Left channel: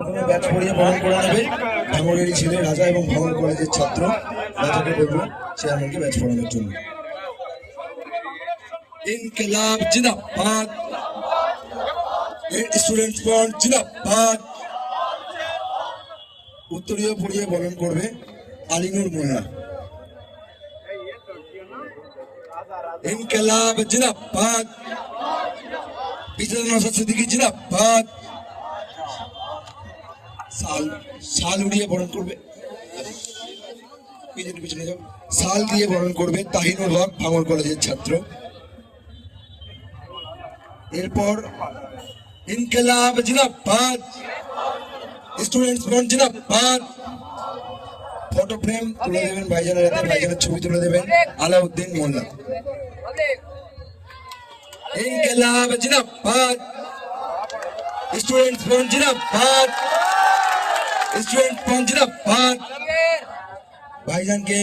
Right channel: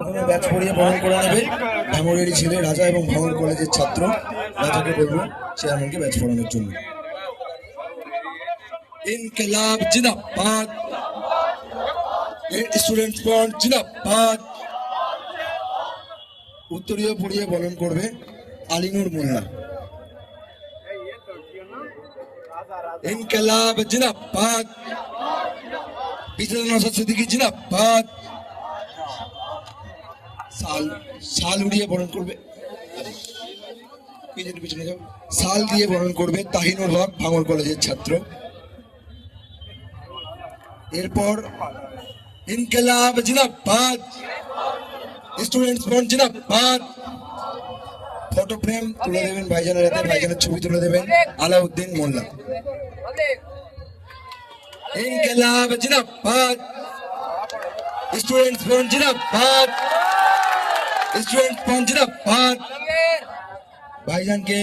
Batch পড়িয়ে বরণ করে নেবে ভাঙড়েরই ছেলে রাজা এবং ভাঙড় কলেজের ছাত্র রাজাকে বলবো চেয়ারম্যানকে ব্যাচ পড়ানোর জন্য। ইনকিলাব জিন্দাবাদ, স্টুডেন্টস ফ্রন্ট জিন্দাবাদ। উত্তরীয় পড়িয়ে বরণ করবে আলিনুর মোল্লা। ইনকিলাব জিন্দাবাদ, নওশাদ সিদ্দিকী জিন্দাবাদ। শাল উড়িয়ে বরণ করবে, শাল দিয়ে বরণ করবে তাহিনুর হক ভাঙড় কলেজের ছাত্র। এরপর ইনকিলাব জিন্দাবাদ, স্টুডেন্টস ফ্রন্ট জিন্দাবাদ। ফটো ফ্রেম তুলে দেবেন ভাইজানের হাতে, ভাইজানের ছবি তুলে দেবেন আলাউদ্দিন মোল্লা। ইনকিলাব জিন্দাবাদ, স্টুডেন্টস ফ্রন্ট জিন্দাবাদ, স্টুডেন্টস ফ্রন্ট জিন্দাবাদ। ভাইজানকে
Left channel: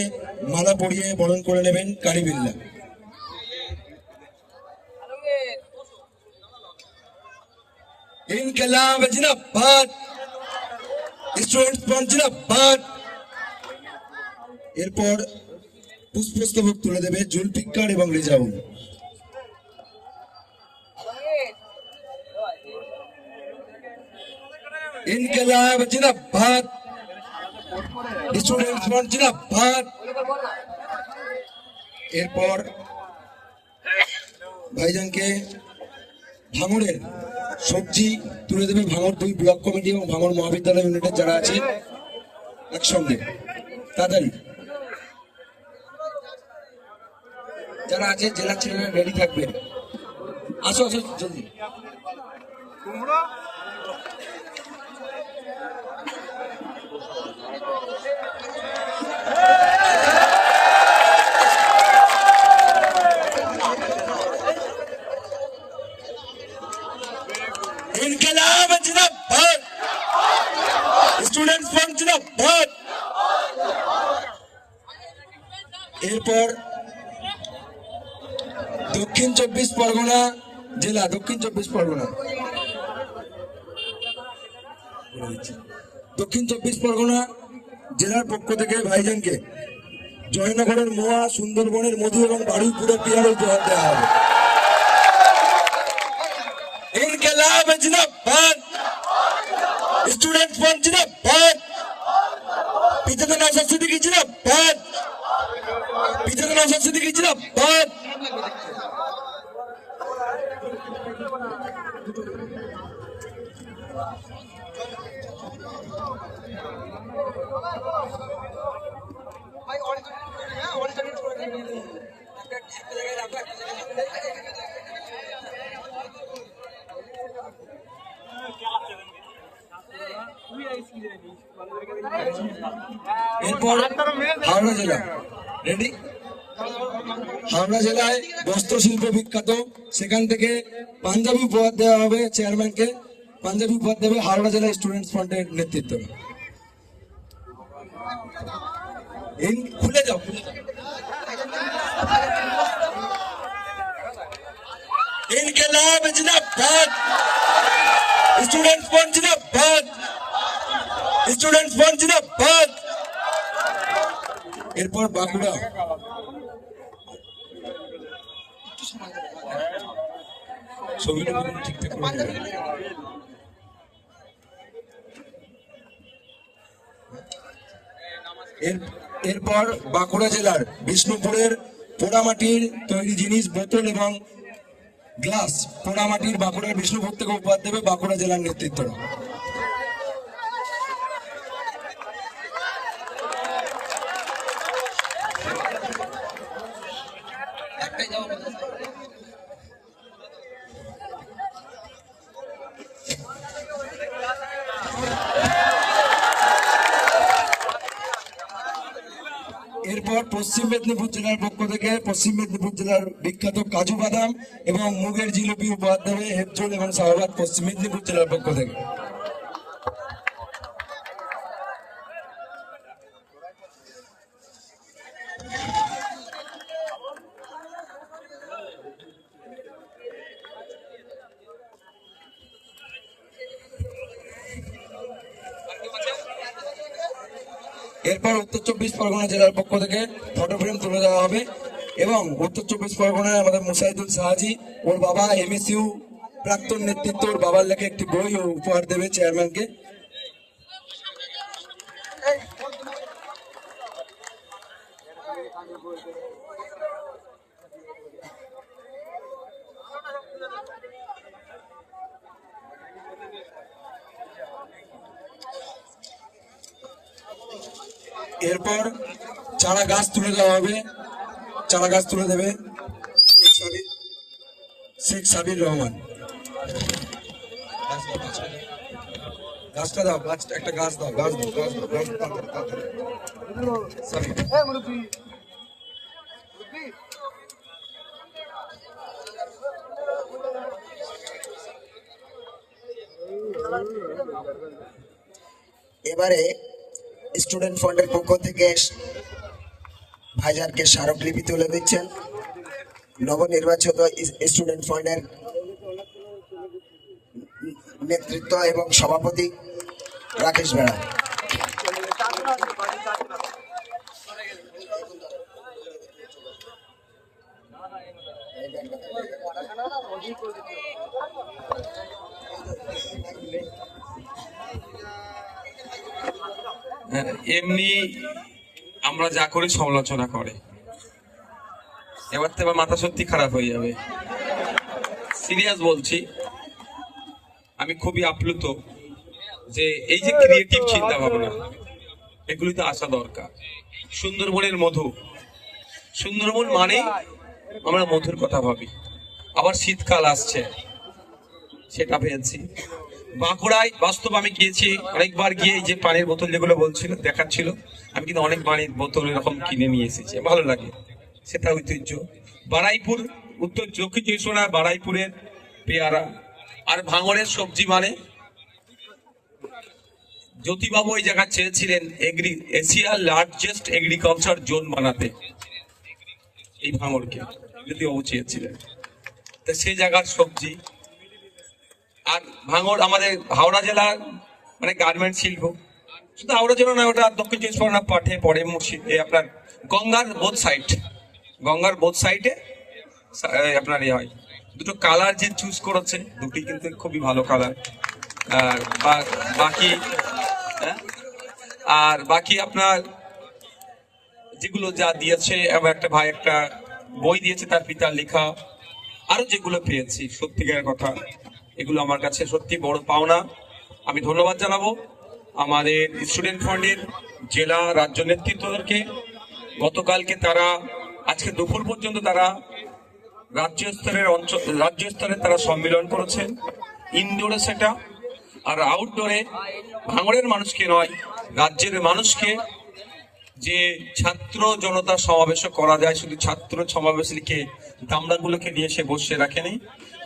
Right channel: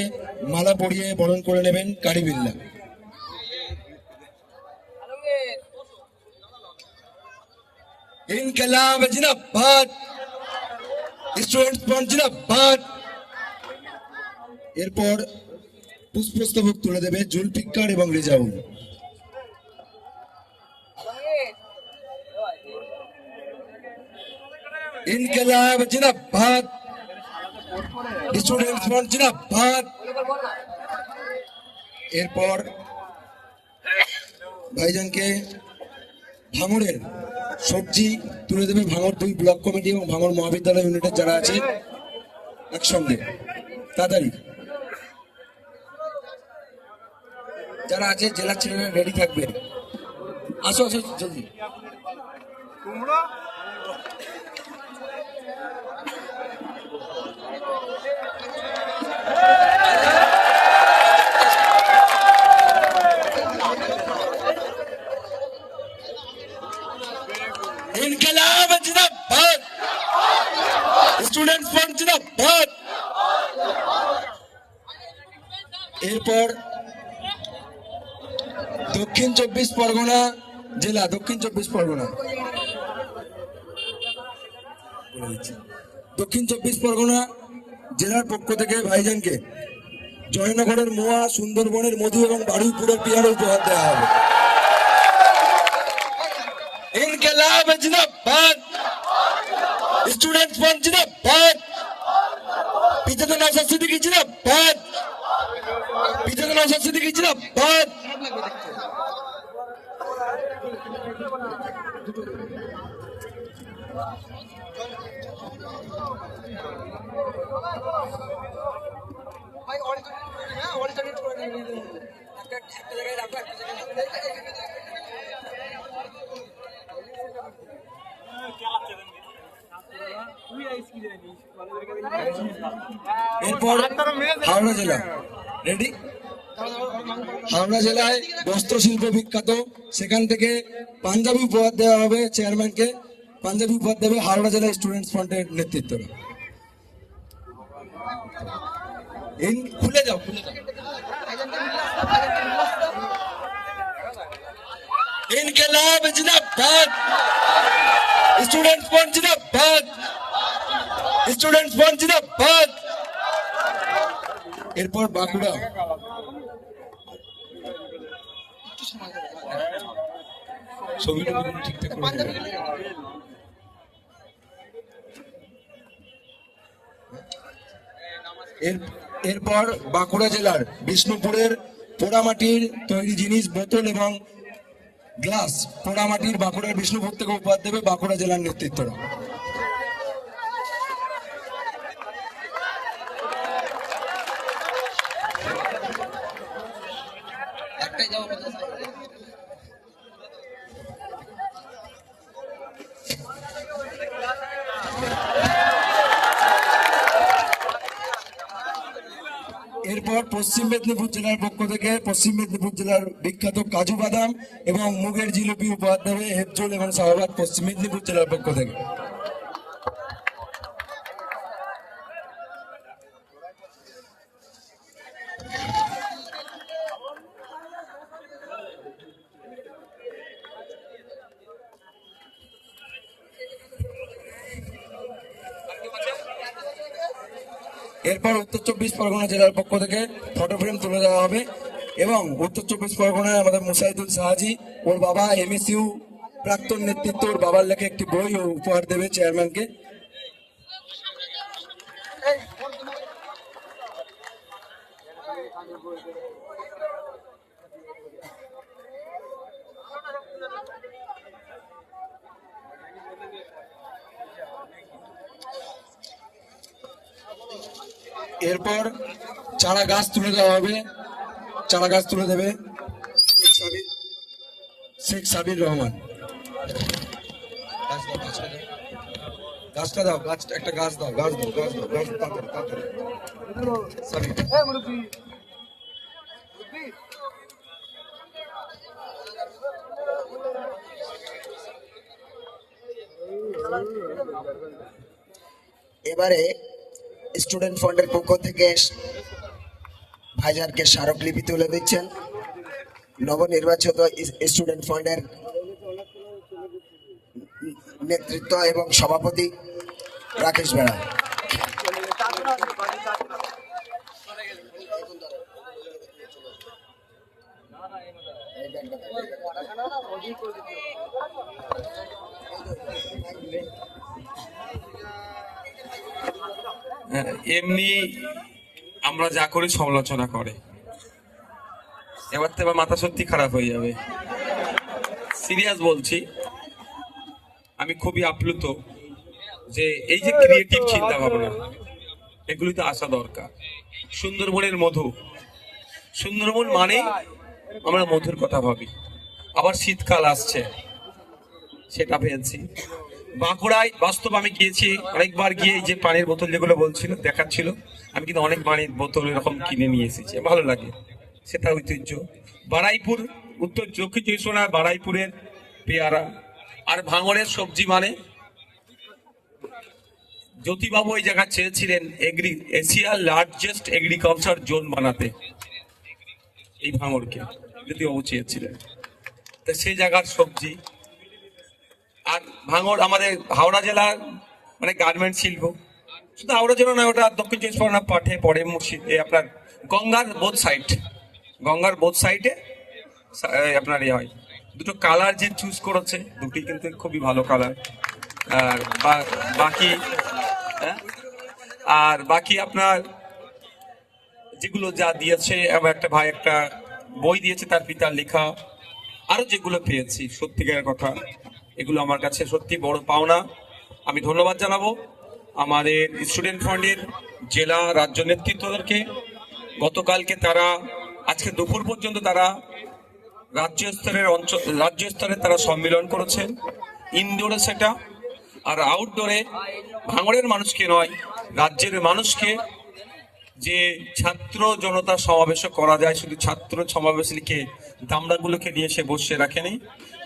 মালা পরিয়ে বরণ করে নেবেন কারিবিল্লা। ইনকিলাব জিন্দাবাদ, স্টুডেন্টস ফ্রন্ট জিন্দাবাদ। এরপর পুষ্পস্তবক তুলে দেবে জুলফিকার এবং রেজাউল। ইনকিলাব জিন্দাবাদ, স্টুডেন্টস ফ্রন্ট জিন্দাবাদ। এরপর ভাইজানকে ভাঙড়ের সবজি তুলে দেবে ভাঙড় 2 ব্লক কমিটি এবং ভাঙড় মহাবিদ্যালয় ইউনিটের যারা আছে একসঙ্গে। তাড়াতাড়ি যারা আছে জেলার ছেলেরা রেডি থাকবে, আসো আসো জলদি। ইনকিলাব জিন্দাবাদ, স্টুডেন্টস ফ্রন্ট জিন্দাবাদ। এরপর দক্ষিণ 24 পরগনা জেলা, দক্ষিণ 24 পরগনা, দক্ষিণ 24 পরগনা জেলার পক্ষ থেকে ভাইজানকে জয়নগরের মোয়া, সুন্দরবনের মধু এবং বারুইপুরের বিহার উপহার দেওয়া হবে। ইনকিলাব জিন্দাবাদ, স্টুডেন্টস ফ্রন্ট জিন্দাবাদ, বিজেপি নওশাদ সিদ্দিকী জিন্দাবাদ, বিজেপি নওশাদ সিদ্দিকী জিন্দাবাদ। এরপর হাওড়া জেলা রেডি। হাওড়া জেলায় বস্ত্র শিল্প বিখ্যাত, সেখান থেকে পাঞ্জাবি উপহার দেওয়া হবে চেয়ারম্যানকে। পাঞ্জাবি উপহার দেবে হাওড়া জেলা স্টুডেন্টস ফ্রন্টের নেতৃত্বে। খুলে যাও, ইনকিলাব জিন্দাবাদ, স্টুডেন্টস ফ্রন্ট জিন্দাবাদ, স্টুডেন্টস ফ্রন্ট জিন্দাবাদ। এরপর বাঁকুড়া এরপর বাঁকুড়া জেলার বিষ্ণুপুরের পোড়ামাটির তৈরি জিনিস, বোতল এবং গ্লাস পোড়ামাটির বাঁকুড়ার বিষ্ণুপুর থেকে উপহার দেবে বাঁকুড়া জেলার নেতৃত্ব। এরপর পশ্চিম মেদিনীপুর জেলার পক্ষ থেকে পশ্চিম মেদিনীপুর জেলার বিখ্যাত কাজু বাদাম এবং মুগের জিলিপি উপহার দেবে হেফজল এবং শাহবাগ পশ্চিম মেদিনীপুর জেলার পক্ষ থেকে। এরপর উত্তর 24 পরগনা জেলার পক্ষ থেকে ফটো ফ্রেম তুলে দেওয়া হবে এবং উত্তর 24 পরগনায় আমাদের মুসাইদুল সাহাজি ওর বাবা এমএসইউ প্রাক্তন নেতৃত্ব ওর বাবার লেখে একটি বই উপহার দেবে চেয়ারম্যানকে। এরপর চারা গাছ তুলে দেওয়া হবে, চারা গাছ তুলে দেবে শেখ সাবির রহমান। গাছটা দাও, গাছটা একটা গাছ দাও, গাছ দাও, গাছ দাও, গাছ দাও, সাবির। এবারে স্টুডেন্ট ফান্ডের পক্ষ থেকে ভাইজানকে স্মারকলিপি তুলে দিচ্ছেন নবনির্বাচিত স্টুডেন্ট ফান্ডের নেতৃত্ব এবং সভাপতি রাকেশ বেড়া। এমনি আমরা যা করি সমালোচনা করে, এবার তো এবার মাথা সত্যি খারাপ হয়ে যাবে। সিরিয়াস বলছি, আমি খুবই আপ্লুত যে এই যে ক্রিয়েটিভ চিন্তা ভাবনা এগুলিতে আসা দরকার। সুন্দরবনের মধু, সুন্দরবন মানে আমরা মধুর কথা ভাবি, আবার শীতকাল আসছে সেটা পেয়েছি। বাঁকুড়ায় বাস্তব আমি গিয়েছি অনেকবার, গিয়ে যে পানির বোতল যেগুলো বলছিল দেখাচ্ছিল, আমি কিন্তু অনেক পানির বোতল এরকম কিনে নিয়ে এসেছি, ভালো লাগে, সেটা ঐতিহ্য। বারাইপুর, উত্তর দক্ষিণ চব্বিশ পরগনার বারাইপুরের পেয়ারা আর ভাঙড়ের সবজি মানে জ্যোতিবাবু ওই জায়গা চেয়েছিলেন এশিয়ার লার্জেস্ট এগ্রিকালচার জোন বানাতে, এই ভাঙড়কে জ্যোতিবাবু চেয়েছিলেন, তো সেই জায়গার সবজি। আর ভাঙড় আমাদের হাওড়া জেলার মানে গার্মেন্ট শিল্প, শুধু হাওড়া জেলা নয়, ওটা দক্ষিণ চব্বিশ পরগনা পাঠে পড়ে মুর্শিদে আপনার গঙ্গার বোথ সাইড, গঙ্গার বোথ সাইডে আপনার এ হয়। দুটো কালার যে চুজ করেছে দুটি কিন্তু খুবই ভালো কালার। আর বাকি আর বাকি আপনার যেগুলো যা দিয়েছে, এবং একটা ভাই একটা বই দিয়েছে তার পিতার লেখা, আরো যেগুলো পেয়েছি সত্যিকারের কথা, এগুলো আমার কাছে সত্যি বড় পাওনা। আমি ধন্যবাদ জানাবো আমাদের স্টুডেন্ট ফান্ডের জেলা রাজ্য নেতৃত্বদেরকে। গতকালকে তারা আজকে দুপুর পর্যন্ত তারা রাজ্য স্তরে তারা সম্মেলন করেছে, ইনডোরে সেটা, আর আউটডোরে ভাঙড়ের মানুষকে নয় রাজ্যের মানুষকে যে ছাত্র জনতা সমাবেশ করা যায়, শুধু ছাত্র সমাবেশ লিখে দামড়াগুলোকে নিয়ে এসে বসে রাখেনি,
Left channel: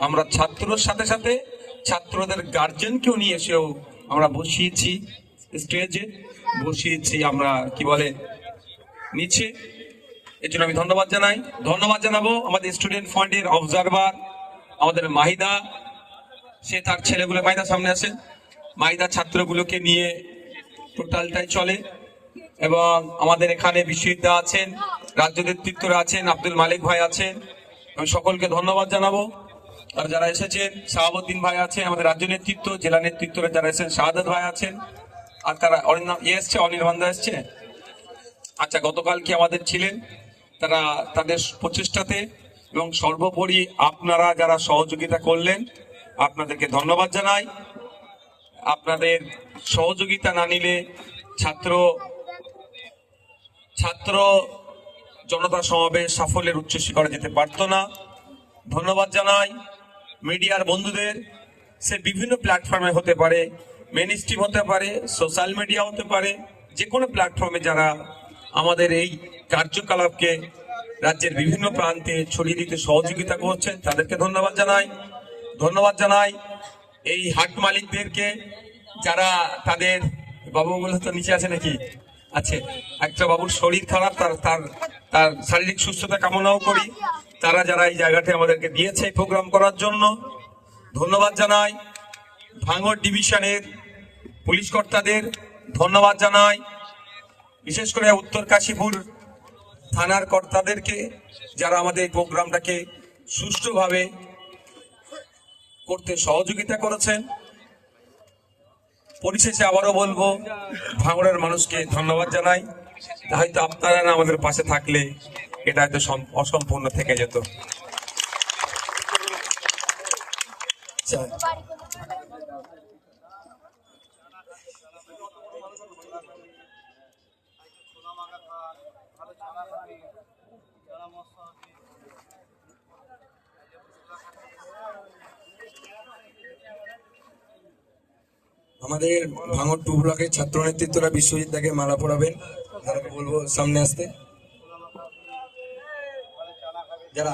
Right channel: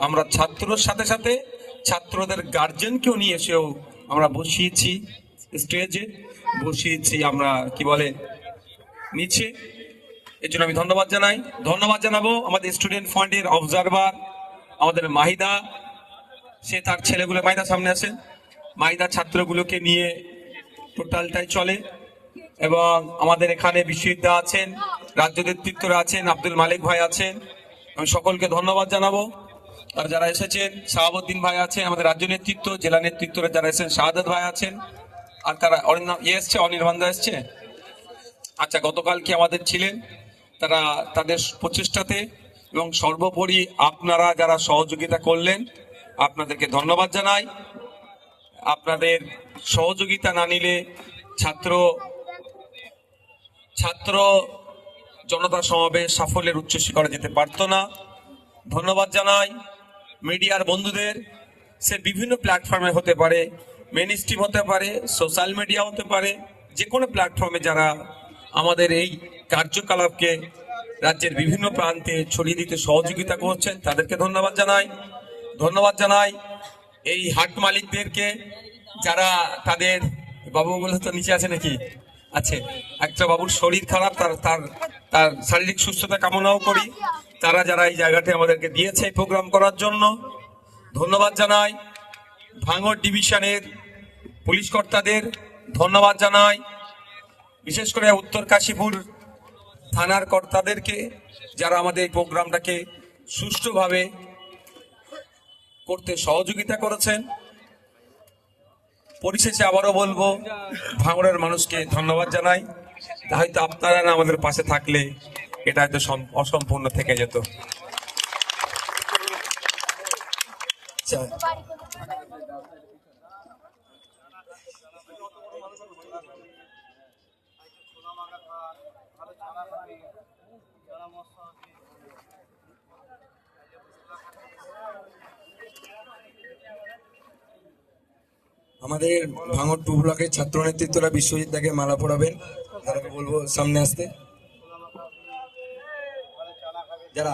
আমরা ছাত্রর সাথে সাথে ছাত্রদের গার্জেনকেও নিয়ে এসেও আমরা বসিয়েছি, স্টেজে বসিয়েছি আমরা কি বলে নিচে। এর জন্য আমি ধন্যবাদ জানাই। ধন্যবাদ জানাবো আমাদের স্টুডেন্ট ফান্ডের অবজারভার আমাদের মাহিদা, সে তার ছেলেগুলো, মাহিদা সামনে আছে, মাহিদা ছাত্রগুলোকে নিয়ে টোটালটাই চলে। এবং আমাদের এখানে বিশ্ববিদ্যা আছেন, রাজ্য নেতৃত্বরা আছেন, আব্দুল মালিক ভাই আছেন, আমি সকলকে ধন্যবাদ জানাবো। আর যারা এসেছেন, শাহাবুদ্দিন ভাই আছে আমাদের রাজ্য নেতৃত্ব, জেলা নেতৃত্বরা যারা এসেছেন, শাহাদত ভাই আছেন, আর তারা এসছে, অনির্বাণদা এসছে। আচ্ছা, গতকাল কি আমাদের ছিলেন, তারা তাদের প্রচেষ্টাতে এবং সর্বোপরি আপনারা যারা সহযোগিতা করলেন আপনাদেরকে ধন্যবাদ জানাই। আপনাদের সহযোগিতা না নিলে ছাত্র জনতা সমাবেশ সাফল্যের উচ্চ শিখরে যেতে পারতো না। ধন্যবাদ জানাই মিডিয়ার বন্ধুদের, সে বিভিন্ন প্ল্যাটফর্মে হতে পারে, মেইন স্ট্রিম হতে পারে, সোশ্যাল মিডিয়া হতে পারে, যে কোনো প্ল্যাটফর্মে যারা আমাদের এই কার্যকলাপকে রাজ্যের বিভিন্ন প্রান্তে ছড়িয়ে দিতে সহযোগিতা করছেন তাদেরকে ধন্যবাদ জানাই। ধন্যবাদ জানাই এই হাট মালিকদেরকে, যারা তাদের বাবু বলে তো নিচে আছে নাকি আছে, একটা বাবুর শরীর খারাপ, তার শারীরিক সুস্থতা কামনাও করি, তারা যারা এই জায়গাটা আমাদেরকে দিয়েছে প্রোগ্রাম করার জন্য ধন্যবাদ জানাই। ভাঙড় ডিভিশনের পুলিশ কর্তাদের ধন্যবাদ জানাই বিশেষ করে উত্তর কাশীপুর থানার কর্তাদেরকে, যারা আমাদের এই প্রোগ্রামটাকে সুষ্ঠুভাবে করতে সহযোগিতা করেছেন। পরিশেষে আবারও বলবো, ভাঙড়ের মানুষকে ধন্যবাদ জানাই। হয়তো আপনারা না আমাদের পাশে থাকলে এটা হয়তো অসম্পূর্ণ থেকে যেত। আচ্ছা, আমাদের ভাঙড় 2 ব্লকের ছাত্র নেতৃত্বরা বিশ্বজিৎ দাকে মালা পরাবেন। যারা বলবো সামনে আসতে, যারা